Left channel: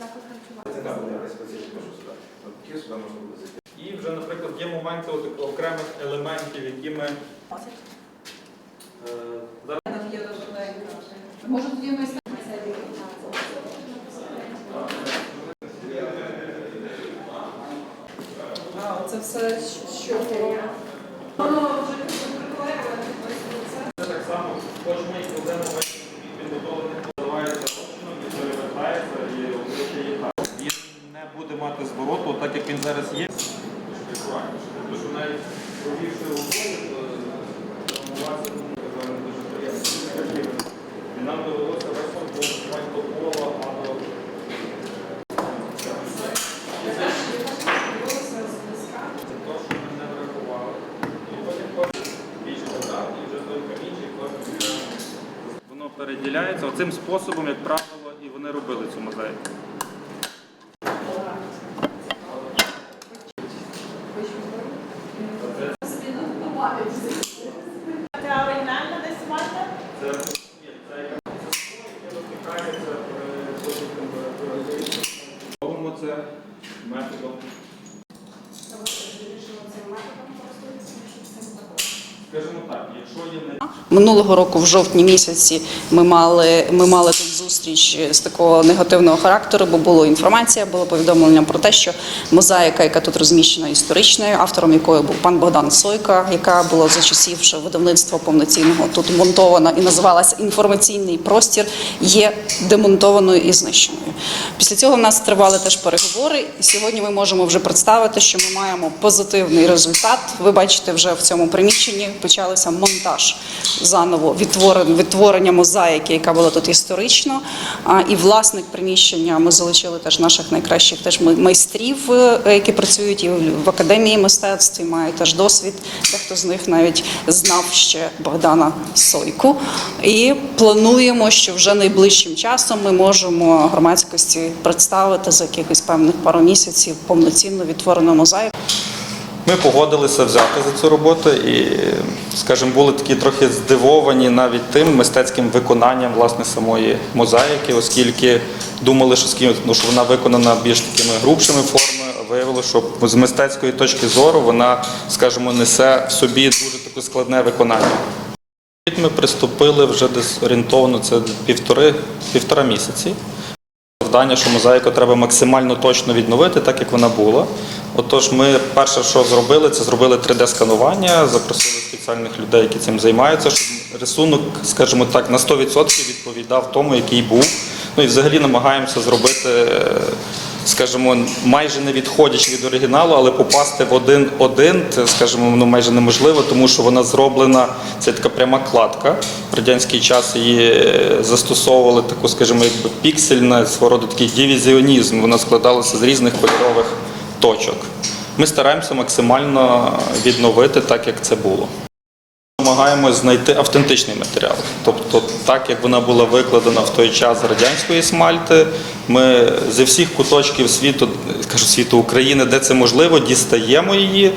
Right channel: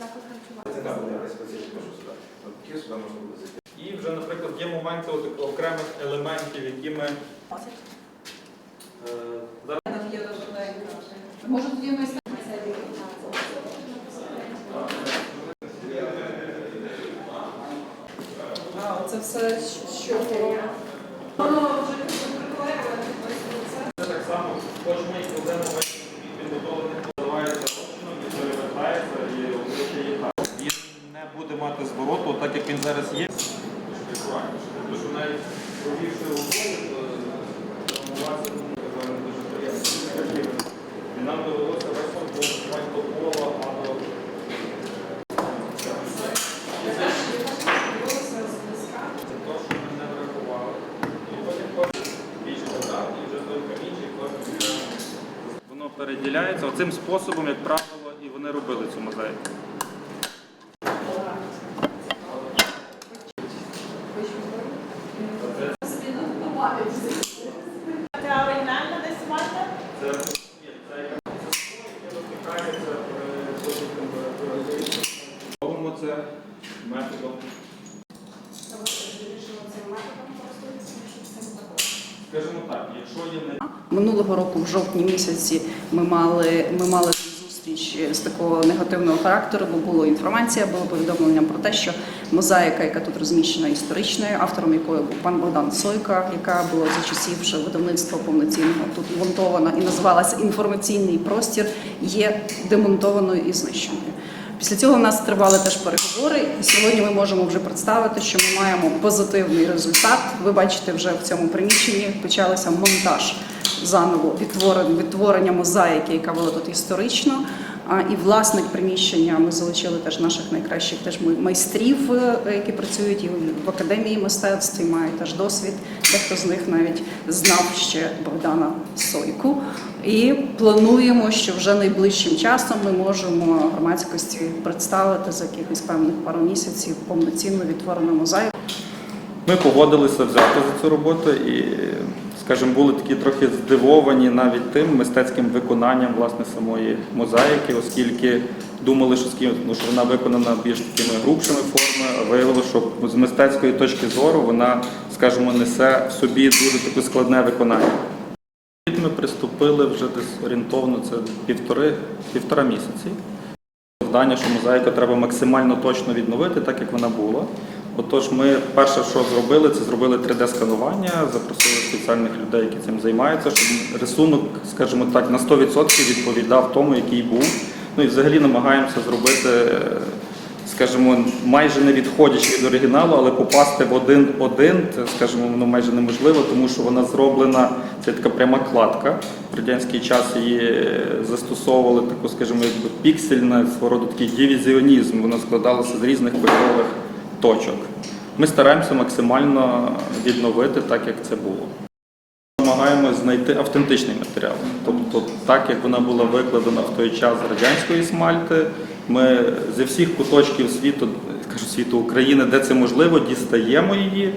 заклад харчування. Це буде якась специфіка, що сюди. Такі сюди можна буде зайти. І вже, наприклад, є моменти от окремих елементів, які ми е, зараз Може тоді ми це все, що було. Це так само, кожен проблему підготовлених називається розчином, він перевертається і обличчя є так. Він не буде мати звороту, так як він зараз є. Тобто, що навіть провівши приємно. І нам довелося весь фон до кола, а до це те, що ми не врахували. Воно переділяється. Оцим способом, як правило, і вони робили цю мозаїку. Минулого року, в жовтні місяці, ми мали ми мали зустріч з такого негативного характеру, бо була інформація, було повідомлення про те, що мозаїка, яка тут розміщена історичною, автором якої був пан Богдан Сойка, яка була за часів вже видавництва повноцінного тут монтована і називалася інформаційний простір, є демонтованою і знищеною. Після цього в нас тривали теж переговори, і сьогодні ми можемо вже представити, що ми маємо позитивний результат. Ви бачите, вже в цьому приміщенні почалося монтаж заново відтворення мозаїки, яка була тут історично. А і власник приміщення ми залучили теж наших найкращих теж май- майстрів, е, які працюють і в академії мистецтв, і мають теж досвід. Дехто з них навіть знав ще Богдана Сойку. І плануємо, що вже найближчим часом ми можемо громадськості представити за якихось певних пару місяців повноцінно відтворену мозаїку. Ми погодилися взяти за цю роботу і, скажімо, були такі трохи здивовані навіть тим мистецьким виконанням власне самої мозаїки, оскільки думали, що, ну, що вона виконана більш такими грубшими формами, а виявилося, що з мистецької точки зору вона, скажімо, несе в собі дуже таке складне виконання. Ми приступили вже десь орієнтовно це півтори, півтора місяці. Завдання, що мозаїку треба максимально точно відновити, так як вона була. Отож, ми перше, що зробили, це зробили 3D-сканування, запросили спеціальних людей, які цим займаються, щоб рисунок, скажімо так, на 100% відповідав тому, який був. Ну і взагалі намагаємося зробити, е, скажімо, майже не відходячи від оригіналу, але попасти в один-один, це, скажімо, воно майже неможливо, тому що вона зроблена, це така пряма кладка. В радянський час її е, застосовували таку, скажімо, якби піксельна свого роду такий дивізіонізм. Вона складалася з різних кольорових точок. Ми стараємося максимально відновити так, як це було. Намагаємось знайти автентичний матеріал. Тобто, так як вона була викладена в той час з радянської смальти, ми зі всіх куточків світу, кажу світу України, де це можливо, дістаємо її,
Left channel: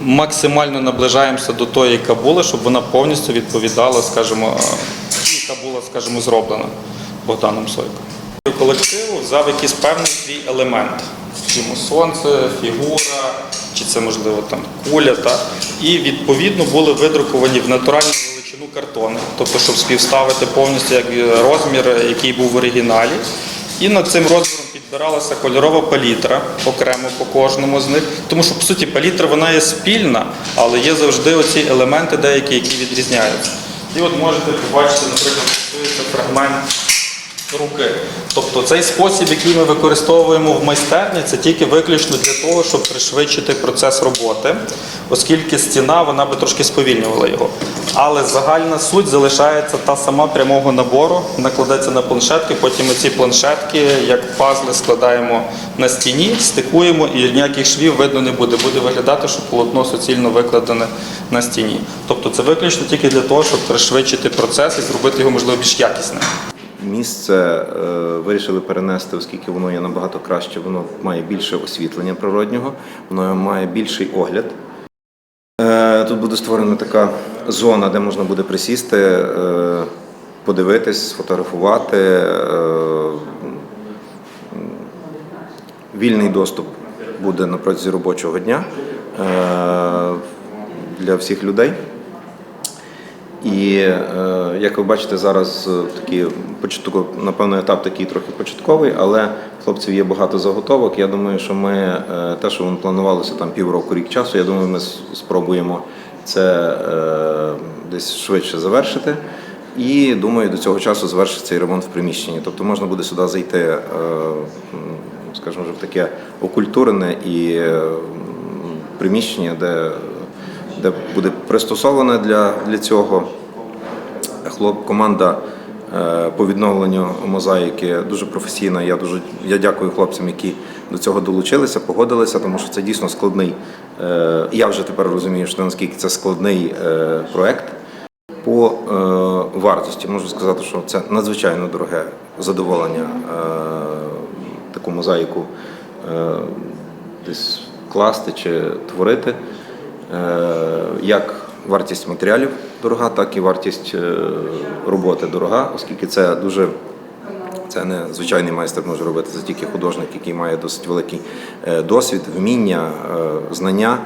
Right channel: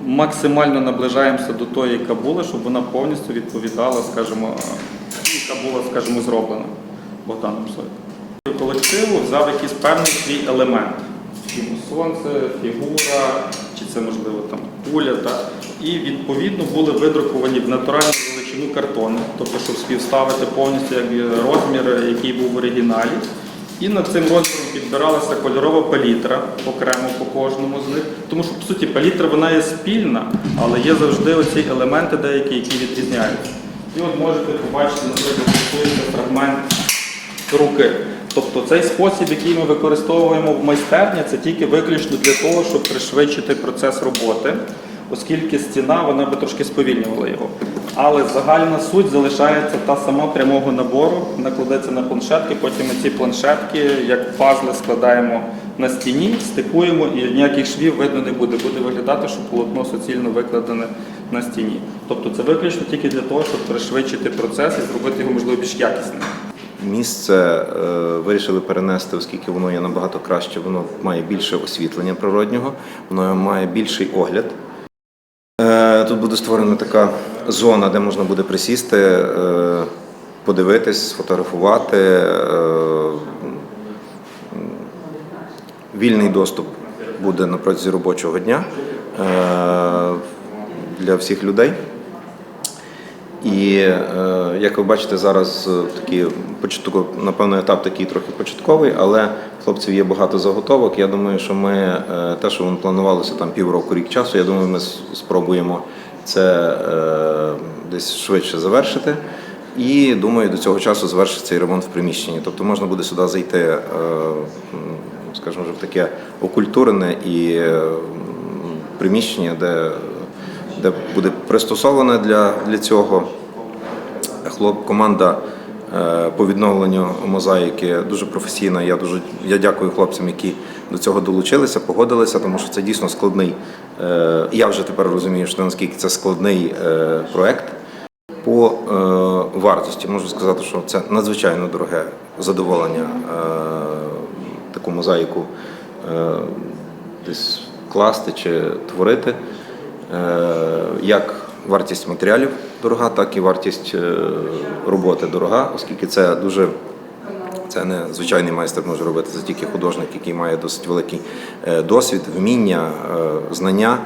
максимально наближаємося до тої, яка була, щоб вона повністю відповідала, скажімо, яка була, скажімо, зроблена Богданом Сойко. Колективу взяв якийсь певний свій елемент. Скажімо, сонце, фігура, чи це можливо там куля, так? І відповідно були видруковані в натуральну величину картони, тобто, щоб співставити повністю як розмір, який був в оригіналі. І над цим розміром підбиралася кольорова палітра окремо по кожному з них. Тому що, по суті, палітра вона є спільна, але є завжди оці елементи деякі, які відрізняються. І от можете побачити, наприклад, фрагмент руки. Тобто цей спосіб, який ми використовуємо в майстерні, це тільки виключно для того, щоб пришвидшити процес роботи, оскільки стіна вона би трошки сповільнювала його. Але загальна суть залишається та сама прямого набору, накладається на планшетки, потім ми ці планшетки, як пазли, складаємо на стіні, стикуємо і ніяких швів видно не буде. Буде виглядати, що полотно суцільно викладене на стіні. Тобто це виключно тільки для того, щоб пришвидшити процес і зробити його можливо більш якісним. Місце е, вирішили перенести, оскільки воно є набагато краще, воно має більше освітлення природнього, воно має більший огляд. Е, тут буде створена така зона, де можна буде присісти, е, подивитись, сфотографувати, вільний доступ буде на протязі робочого дня для всіх людей. І е, як ви бачите, зараз е, такий початковий, напевно, етап такий трохи початковий, але хлопців є багато заготовок. Я думаю, що ми е, те, що ми планувалося там півроку, рік часу, я думаю, ми спробуємо це десь швидше завершити. І думаю, до цього часу завершиться цей ремонт в приміщенні. Тобто можна буде сюди зайти, скажімо, вже в таке окультурене і приміщення, де, де буде пристосоване для, для цього. Хлоп, команда е, по відновленню мозаїки дуже професійна. Я дуже я дякую хлопцям, які до цього долучилися, погодилися, тому що це дійсно складний. е, Я вже тепер розумію, що наскільки це складний е, проект. По вартості можу сказати, що це надзвичайно дороге задоволення таку мозаїку десь класти чи творити. Е, як вартість матеріалів дорога, так і вартість е, роботи дорога, оскільки це дуже це не звичайний майстер може робити, це тільки художник, який має досить великий е, досвід, вміння, знання.